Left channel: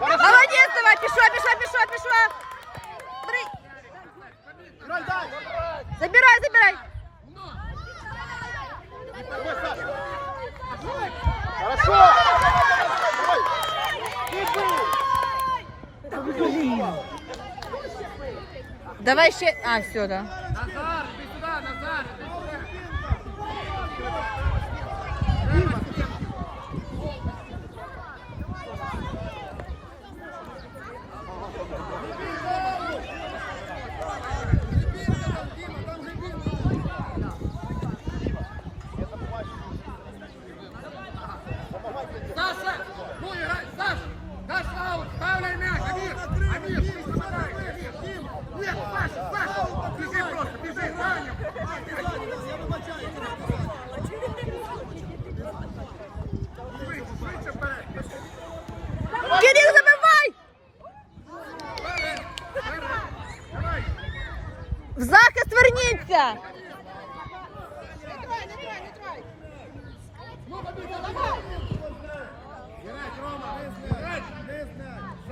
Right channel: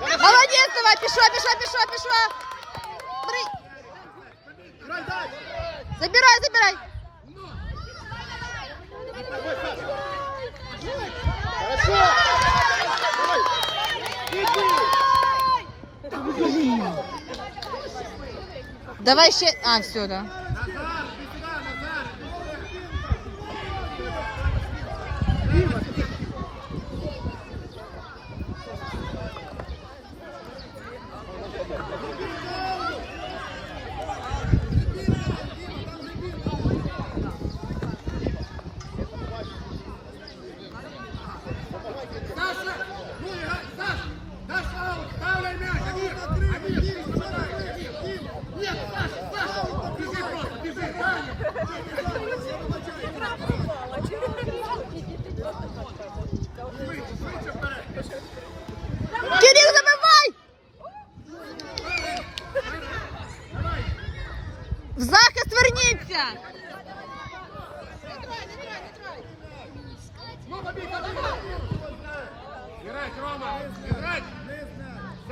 Молодець, давай, пішла, пішла, пішла, пішла. Бери. Грай, дай! Забирай, забирай. Хорошо! Давай! И бей! Давай ще. А, все, да.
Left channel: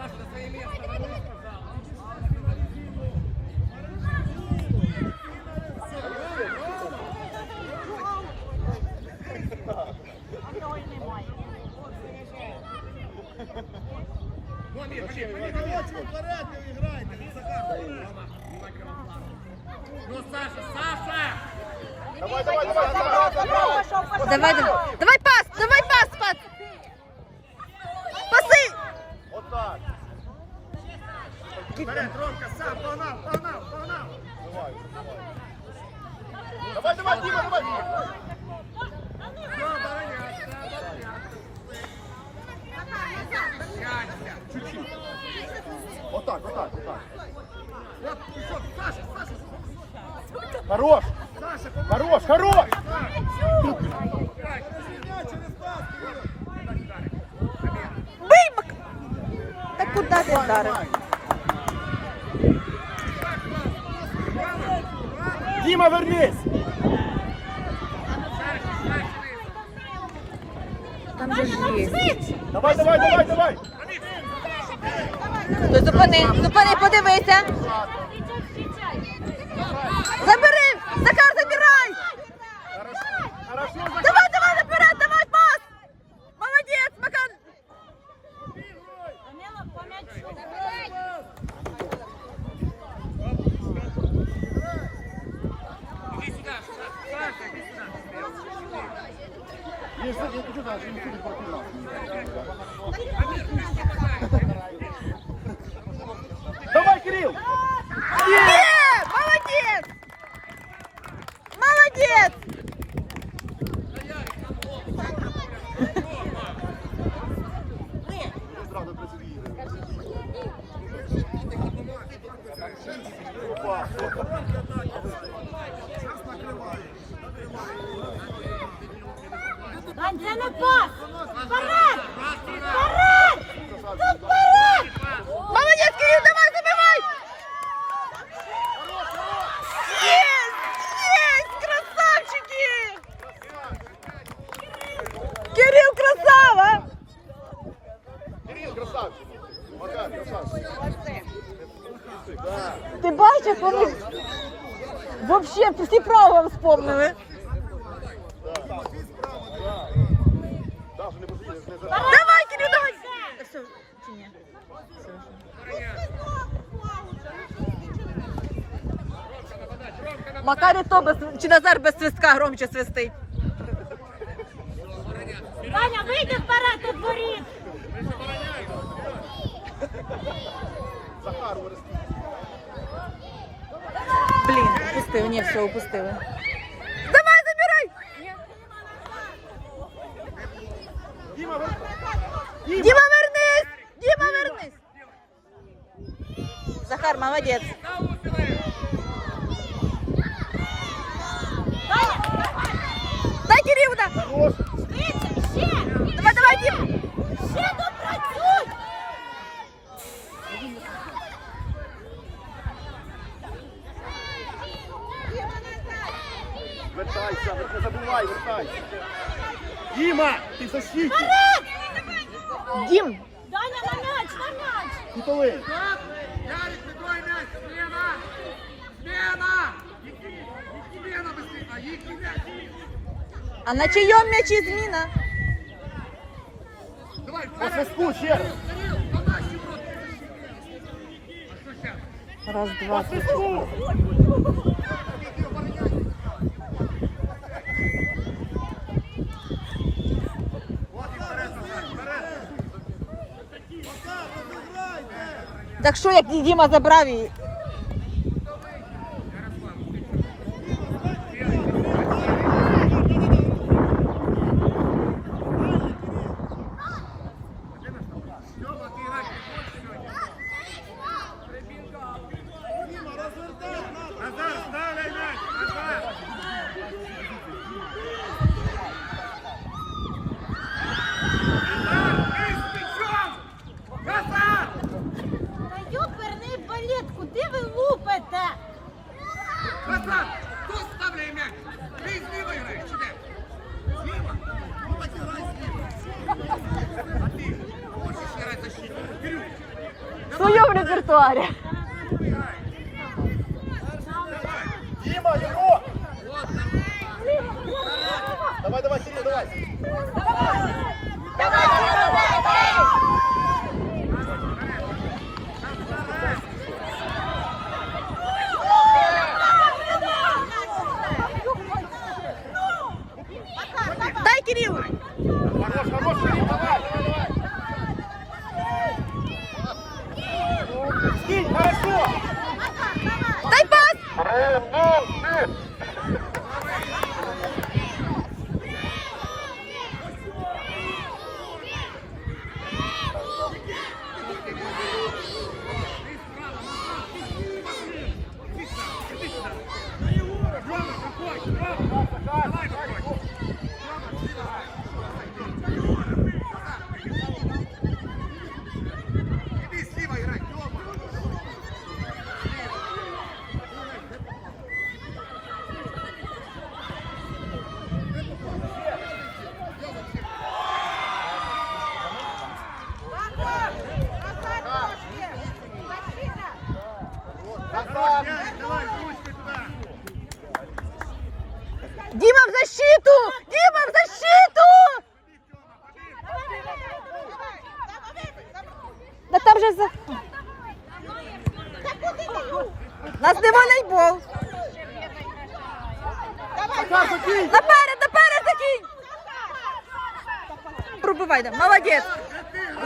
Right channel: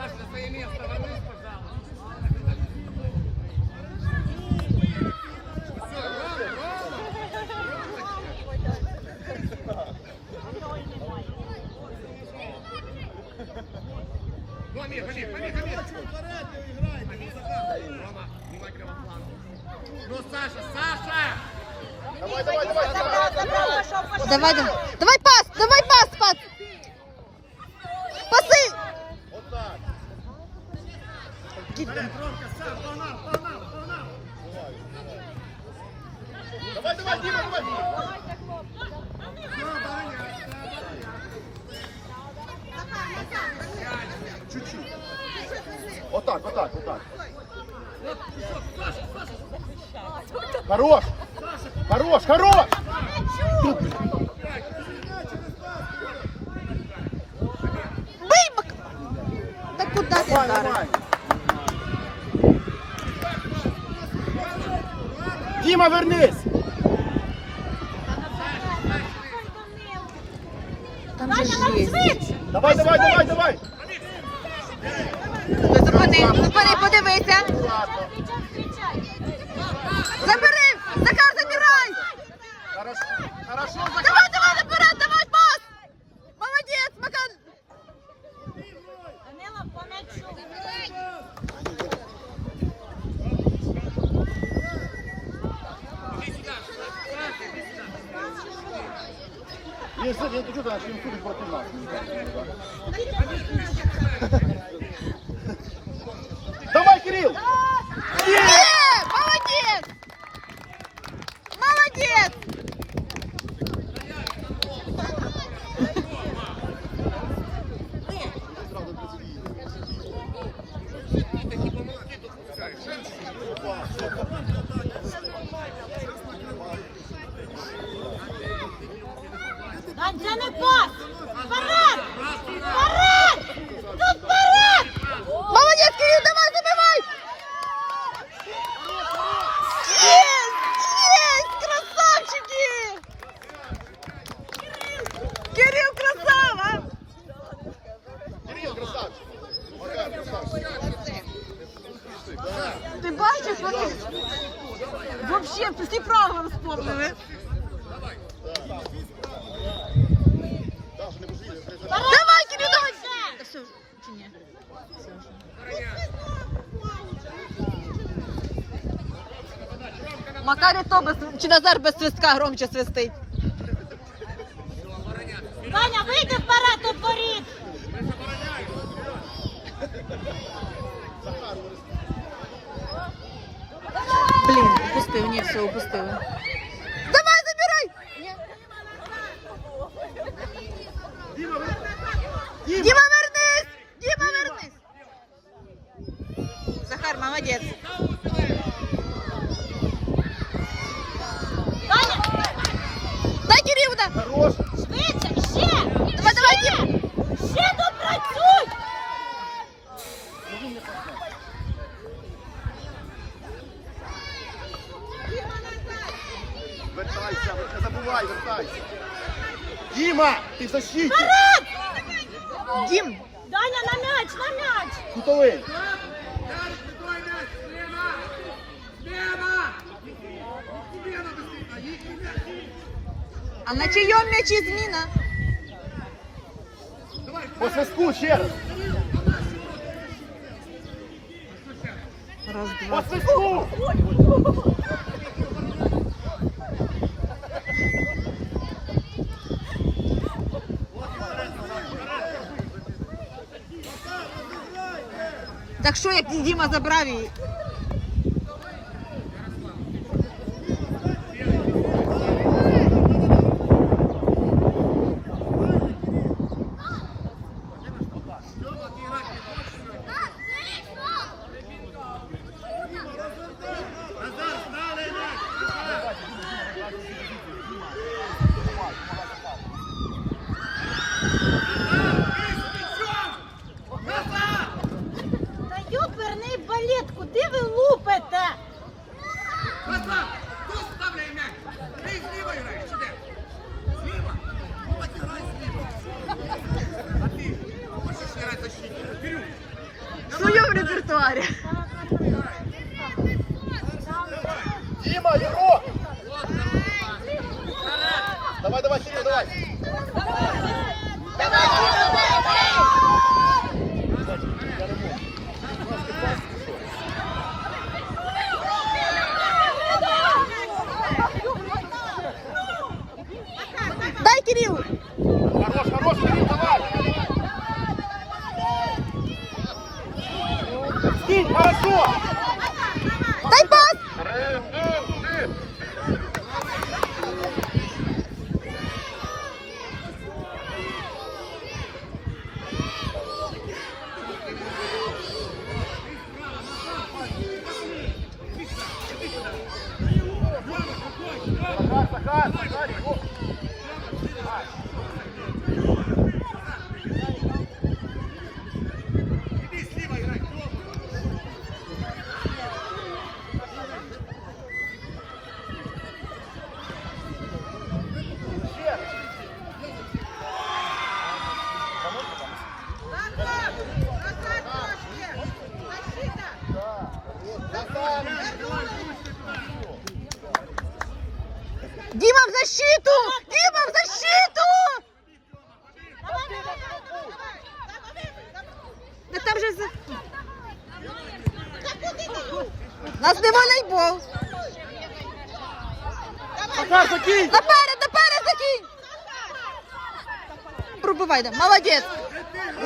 Саша, на свое место, побег, побег, Амир. Очень вперед не играйте, Амир, не закатывайте. Рома, внимательно во фланг. Ну, Саша, Саша! Давай, давай, давай, давай, давай. Давай, давай. Хорош, хорош, хорош. Мак... Та куди ти вдарив? Дима, вернись. Там же ж є. Давай, давай, давай, давай. Зупини, зупини, подивися. Макар і то без, чи Назар без свистка громче свистить. Ваня, вийди вперед! Мы же обороняем. Вперед. Блін, упустив, ні, все, упустили. Давай, забирай! Дима, вер- Діма, вернись! Діма, вернись! Захар, молодець. Швидше, ще! Давай, давай, Дім! Ще допрацюй! Вертайся, не забувай, вертайся! Діма, ти защитник! Дім! Даня, на м'яч, на м'яч! Кутовий! Так. А на чийом м'ячі зміна? Раз. Два. По. Так що, як Діма забрав її? Наперед, наперед закинь! Пробивай, да. молодець.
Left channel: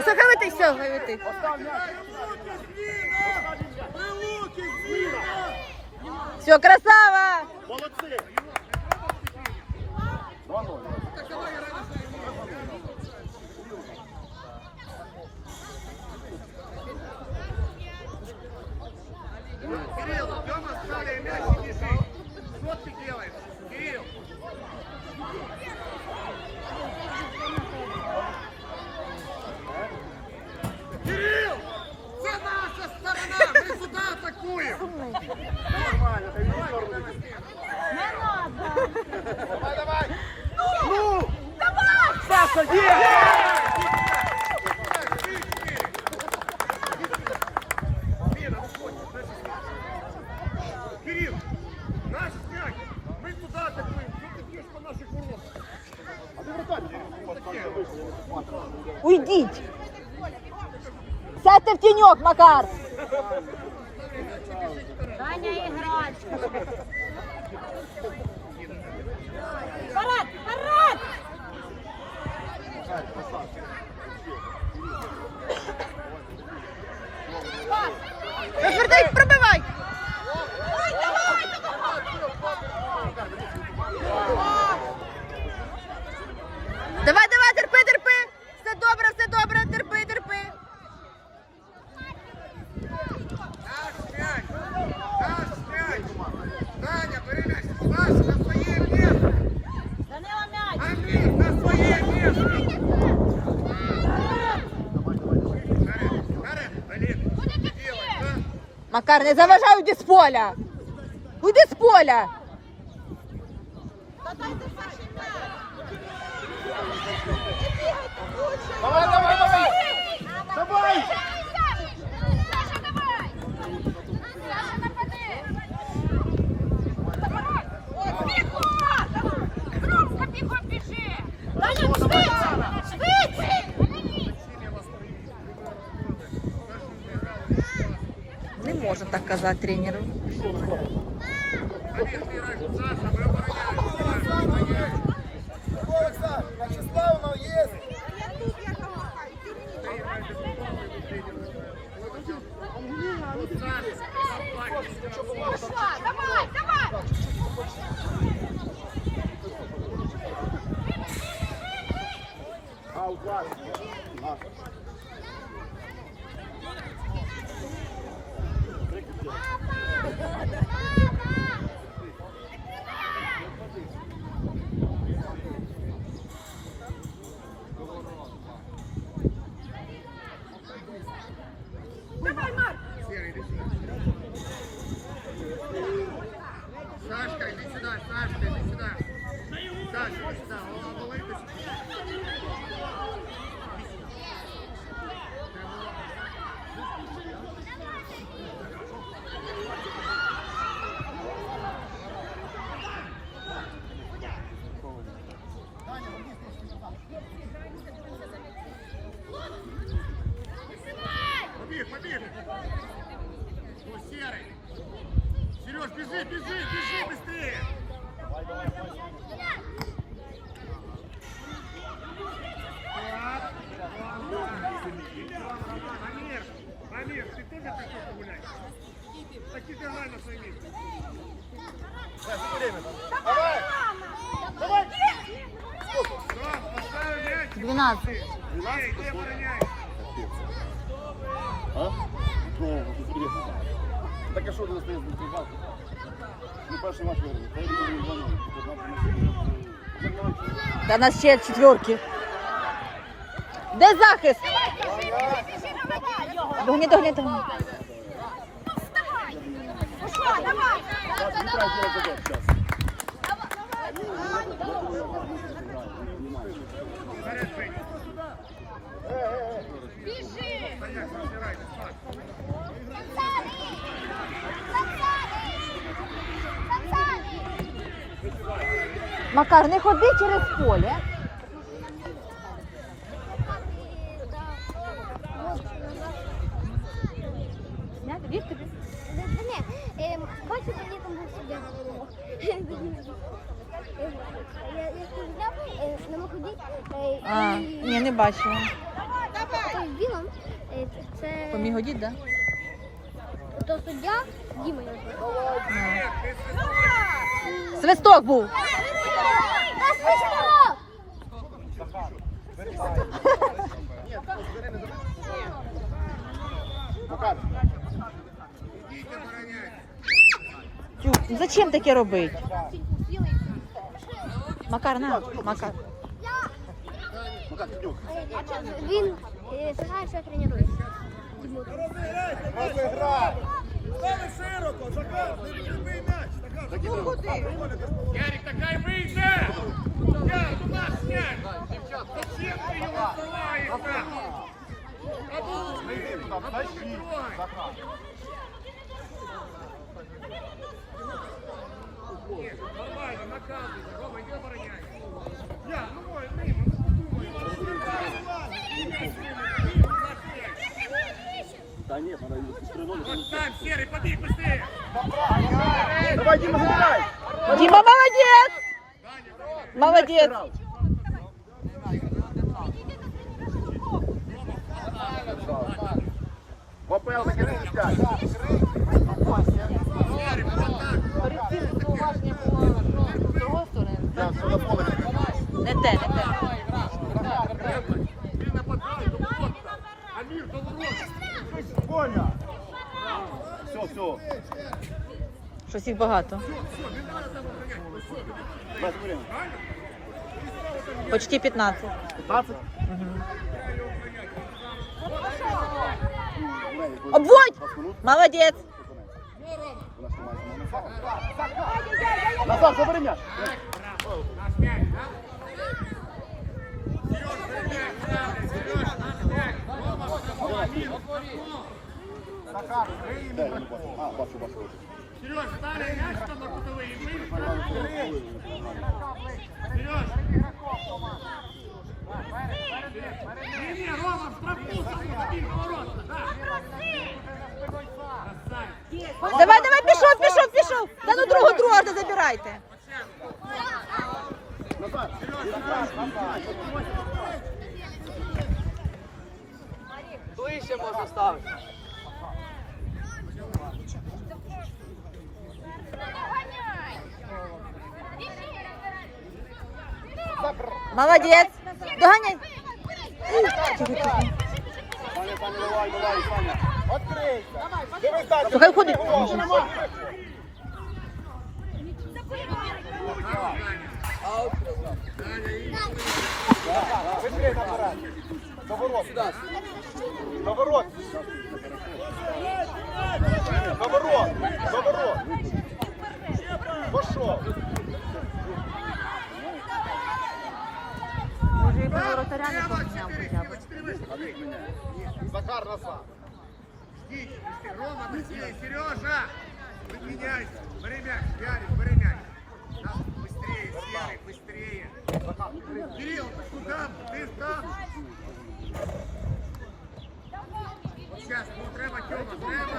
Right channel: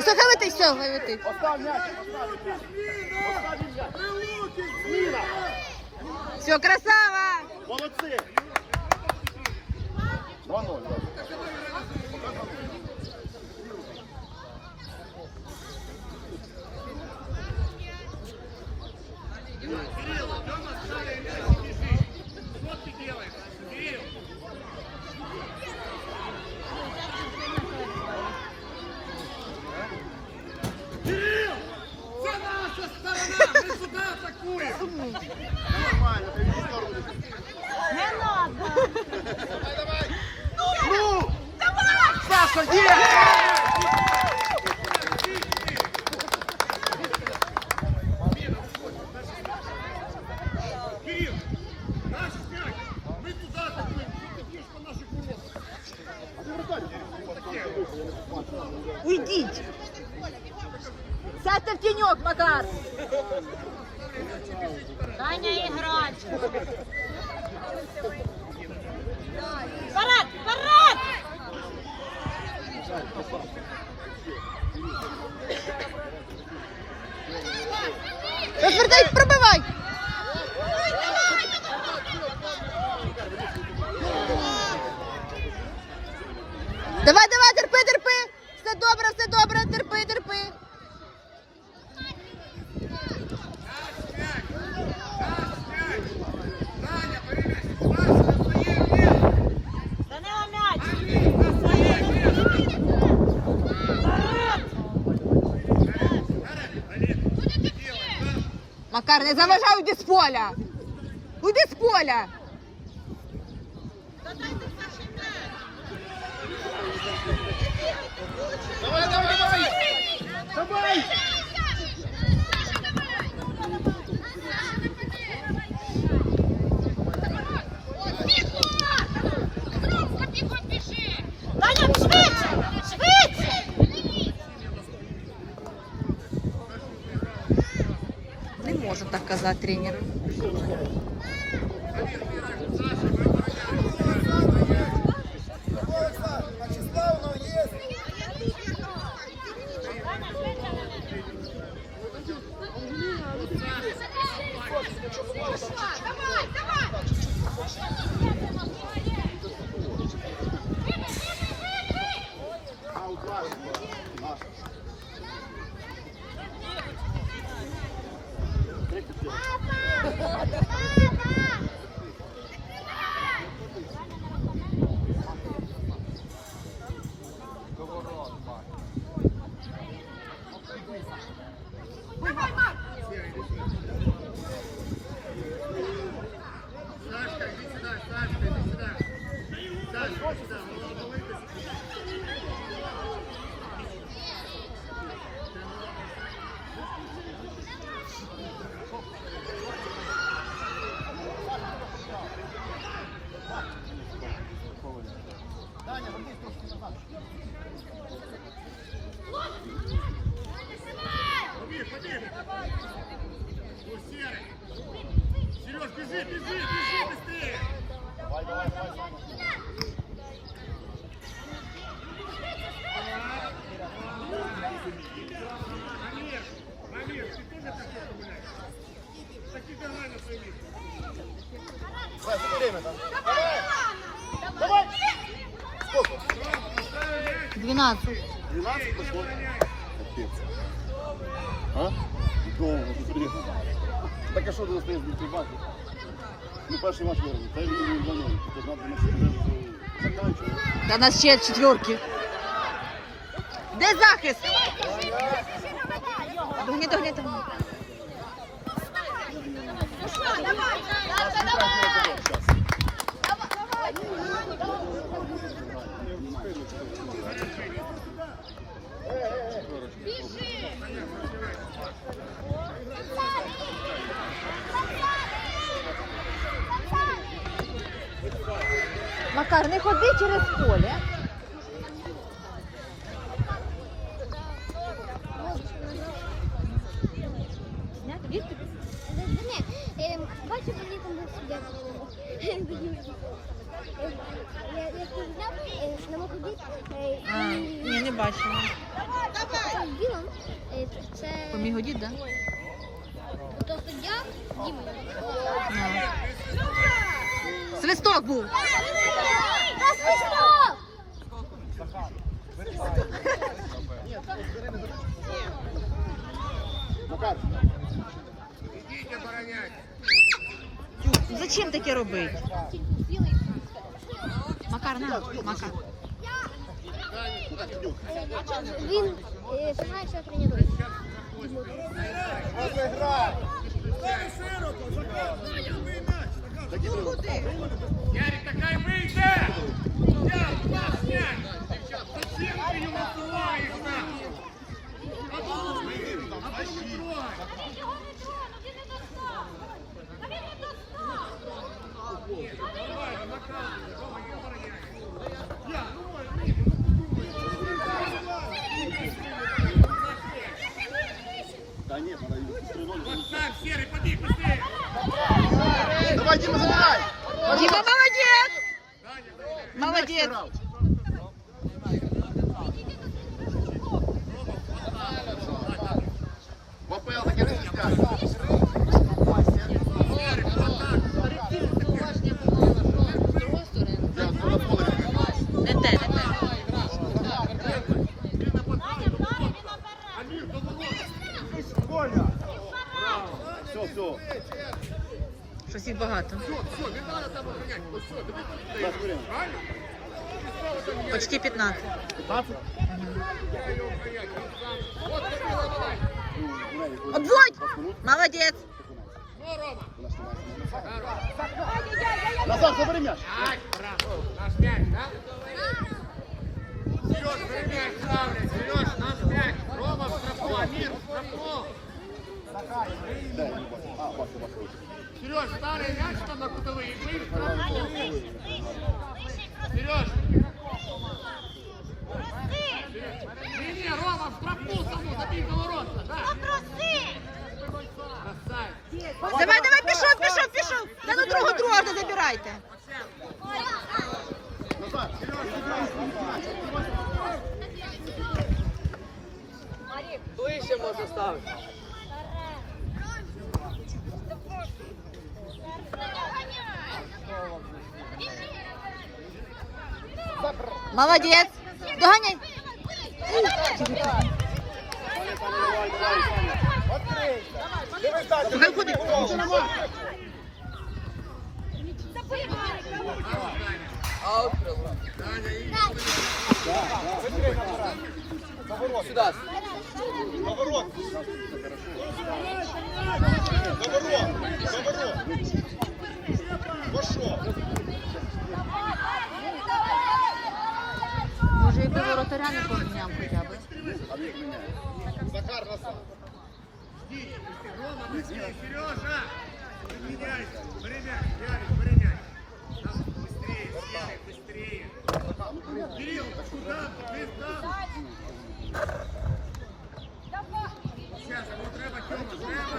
Сахавити, все, гавити. Все, красава! Молодцы! Вот ты делаешь? Кайфуем! Нормально, телевизор Не надо! Давай, давай! Ну! ну! Давай! Саша, Кирилл, наш мяч, мы туда атакуем, ты бьешь по наших воротам? Уйдите! Сядьте в тенек, Макар! безкарний. Заважай, уйди з поля. Уйди з поля. Давай, давай, давай. Давай. Можна так казати тренеру. Так давай на свое место. Рома, поставил мяч. 12. Эй, иди обороняй. А? Довго, ти собі. Так а що ти? Ну, перший наш. Та й він. Та нас ще четверки. Де захист? Догни, догни, догни. Понятно, разбирайтесь, Саш. Макар, не ходи через поле. Ні, бачу, вони там сидять. Не можу А, ні, не бачила. Білан, це Помігодіть, да? то суддя Діма. А. Ты свистой. Свисток був. Зачем таке робити? Макар, на, Макар. Він е, знає, що тренує. Стави широко, Захар, не любий м'яч. Ярик, такая выйдет! Яр, у нас мяч! Зачем ты его открываешь, нахуй? Обуви! Обуви трогай! Нет, нормально, наказывай. Рома, не обороняй. Я, ну мой, мимо, ну Та ні, треба Вот сам, Серый, побег быстрее! Давай, Діма, забирай. Діма, молодець! Даня, забегай. Молодець! В АПЛ таке не свистять. Серый, вот так! Я то на поле. Не те, не те. Якось, Щось їх багато. Почти 15. 15? Обводь! Молодець! Назад, забери? Сереж, наш. Рома, в Амир, в мяч Давай, давай, пішов, пішов, пішов. Та ну другу не забирайте. Молодец. Доганяй. Тихо, тихо. То хай ходить. Сюда. Наворот. Наворот. Наворот. Пошел. Воротаря не поміняв хоча б. Захар назад. Рома, быстрее, Сережа! Применяйся, время, Ярик, время. Да, быстрее, Серый, быстрее. Кирилл, куда? Ты там? Сейчас, ну треба, Тёма, треба.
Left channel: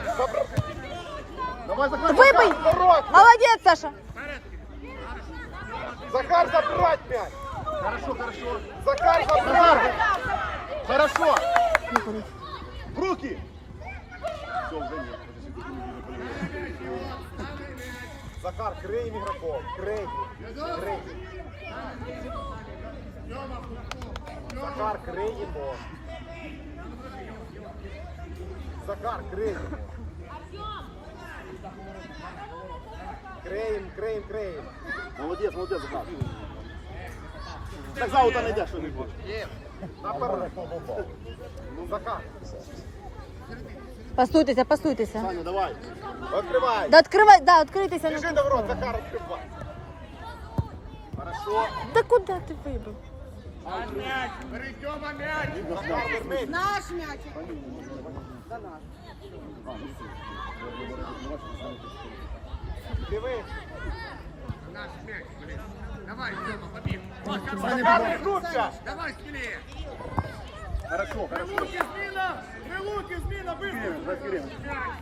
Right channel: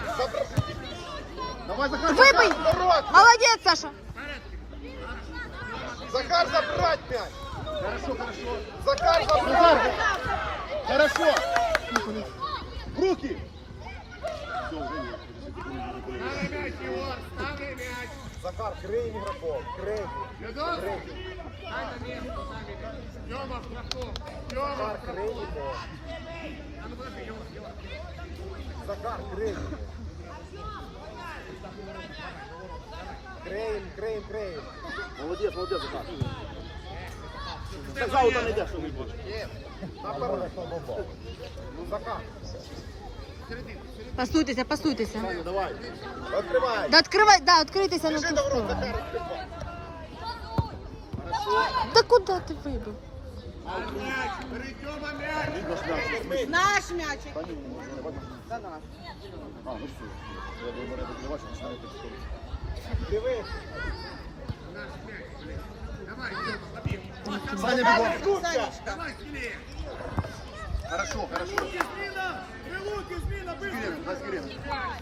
Давай, Захар. Наворот. Молодець, Саша. Захар, забрать мяч. Хорошо, хорошо. Захар, Назар. Хорошо. Руки. Все, уже нет. Ставь мяч, Егор, ставь мяч. Захар, крей игроков. Крей. Готов? Стань на место, ставь мяч. Тёма, в штрафну. Тёма, в штрафну. А ну подожди, Егор, Егор. Захар, крей. Крей, крей, крей. Молодец, молодец, Захар. Пасуйтеся, пасуйтеся. давай. Открывай. Да відкривай, да, відкрийтеся на Бежи ту до ворот, сторону. Захар, открывай. Хорошо. Да куди ти вибив? Мяч, бери, Тёма, мяч. Наш м'ячик. Давай, Тёма, побил. Давай, смелее. Хорошо, хорошо. Скорее, давай скорее. Мяч,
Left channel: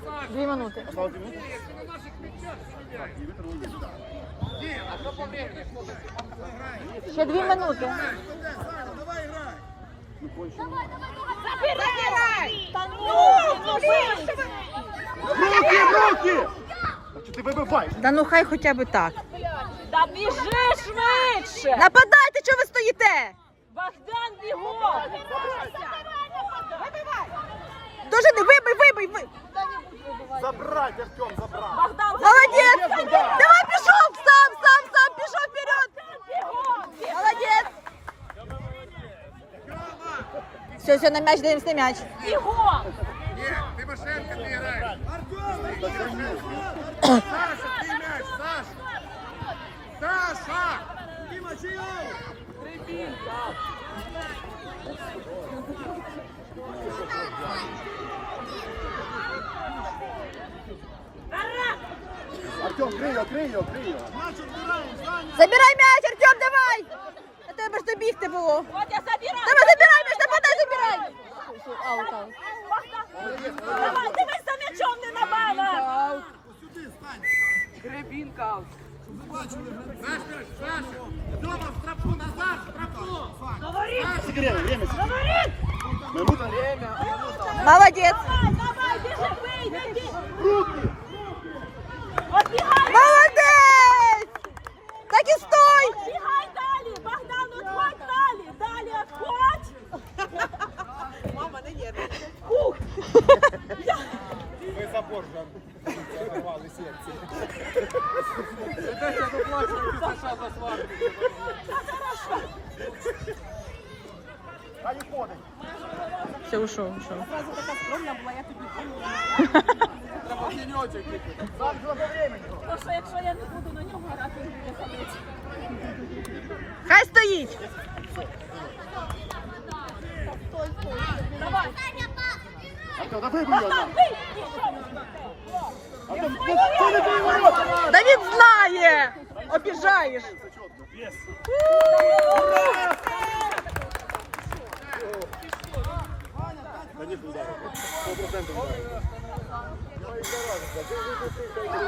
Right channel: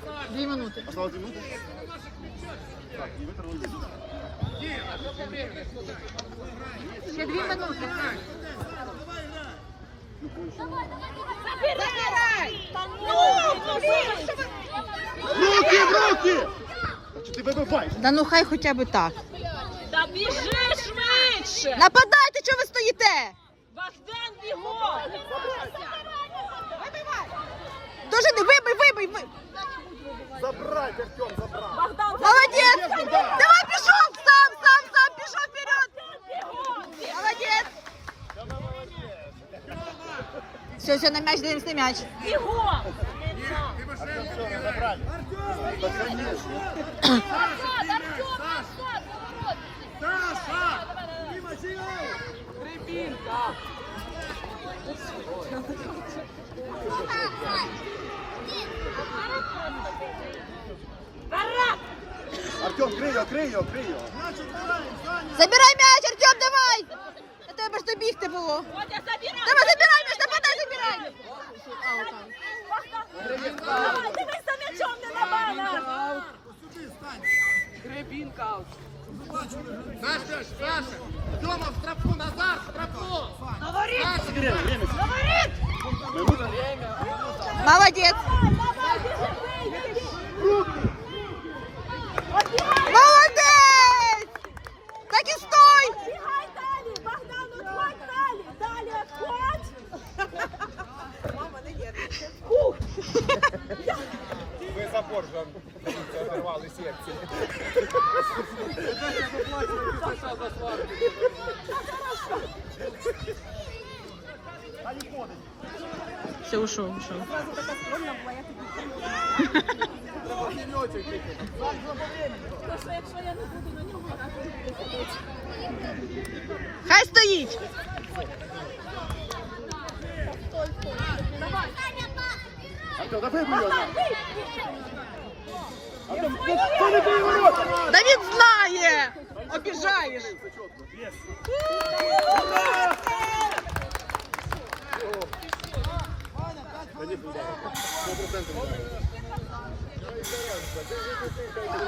Саша. Дві минути. Осталось две минуты. Ты на наших мячах меняй. Не выторгнули. Где? Где? Играй. Ще дві минути. Играй. Ну, кончено. Забирай! Руки, руки! Значит, ты выбивай. Да ну хай хоча б так. Та біжи швидше! Нападайте, що ви стоїте? Богдан бігом! Дуже не вибий, вибий, вибий. Забрать, Артем, забрать. Богдан, Молодець! Давай пішов! Сам, сам, сам, пішов вперед! Молодець! Все, все, на м'яч даємось на м'яч. бігом! Саша, Трибінка. Артем, крей ее, крей ее, крей ее. Забирай м'яч, Артем, давай! А тебе ж добігти було. Водя! Давай, забирай м'яч, нападай, забирай! Аут, аут. Давай, дивись за м'ячом, не на мене! Аут. Сюди аут. Наш мяч, Саша. Тёма, в штрафу, назад, в штрафу. Саша, Время, время. Время. Минута. Молодець! Молодець! Так і стой! Бігай далі! Богдан, отходь далі! Далі отходь! Мама, не є. Вы забор же оторвали сердце. Все, ушов, ушов. То що якщо я не буду на нього грати, він буде ходити. Хай стоїть. Артем, да вибий Давід знає. Обіжаєш. 100%.